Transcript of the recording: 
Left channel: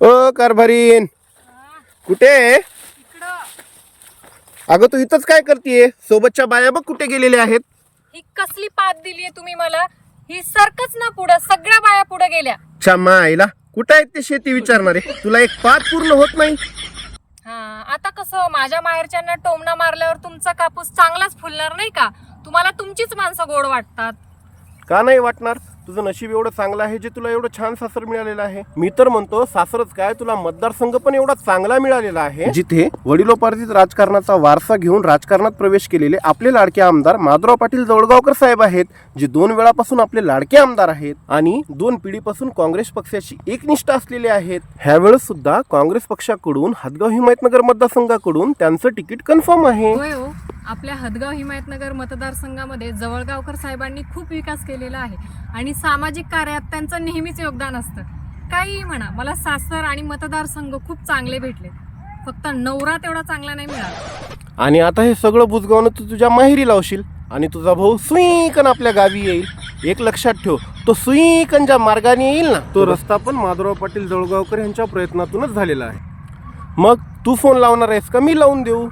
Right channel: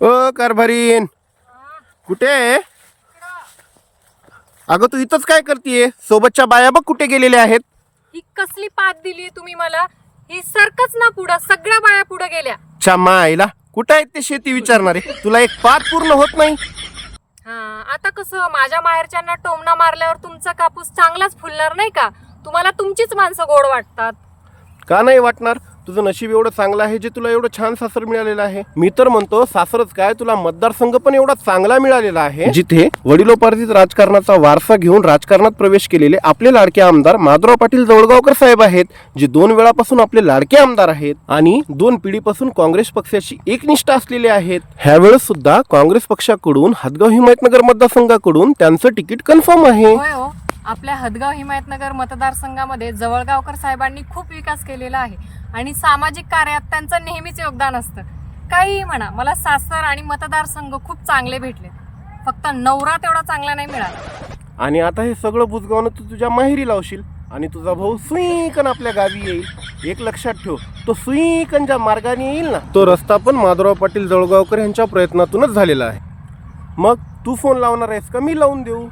ओ कारभारीन. कुठे? आहे? अगं तू इथंच काय करतीये? सोबतच्या बाया बघ कुठे गेलेल्या आहेत. ही कसली पात दिलीये तुम्ही मला? ही सरकच ना पुढं सगळ्या बाया पुढे गेल्या. च्या आईला कुठे आहेत ते शेती विचारणारे? तुला एक पात पूर्ण होत नाही? हा आता कसं माझ्या माहेरच्यांना टोमणा मारल्यावर तुमचा कापूस चांगलाच फुलणार नाही का? तुम्हाला तुमचीच माणसं गोड वाटतात. का नाही वाटणार? तुझं नशीब एवढं चांगलं आहे जे तुला एवढं छान सासर मिळालेलं आहे. मी तर म्हणतो सासरच काय? तुला मतदारसंघ पण एवढा चांगला मिळालेला आहे. जिथे वडिलोपार्जित राजकारणाचा वारसा घेऊन राजकारणात प्रवेश केलेले आपले लाडके आमदार माधवराव पाटील जवळगावकर साहेब आहेत जे दोन वेळापासून आपले लाडके आमदार आहेत आणि दोन पिढीपासून काँग्रेस पक्षाशी एकनिष्ठ असलेले आहेत. ह्यावेळेस सुद्धा काँग्रेस पक्षाकडून हदगाव हिमायतनगर मतदारसंघाकडून त्यांचं तिकीट कन्फर्म आहे. हो आपल्या हदगाव हिमायतनगर मतदारसंघामध्ये जवळगावकर साहेबांनी खूप विकास केलेला आहे आणि सामाजिक कार्यात त्यांचं नेहमीच योगदान असतं. काहीही म्हणा मला सासर आणि मतदारसंघ खूप चांगले भेटले. फक्त नवरा तेवढा चांगला नाही मिळाला. आणि आता हे सगळं बुजगावणं तू तुझ्या माहेरी लावशील आणि तुझा भाऊ सुईकन आपल्या गावी येईल. एक लक्षात ठेव तो सुईकन ज्या मार्गाने येईल ना तो रस्ता पण माधवराव पाटील जळगावकर यांच्या प्रयत्नातूनच झालेला आहे. मग तू फोन लावणार आहेस का? मी लावून देऊ.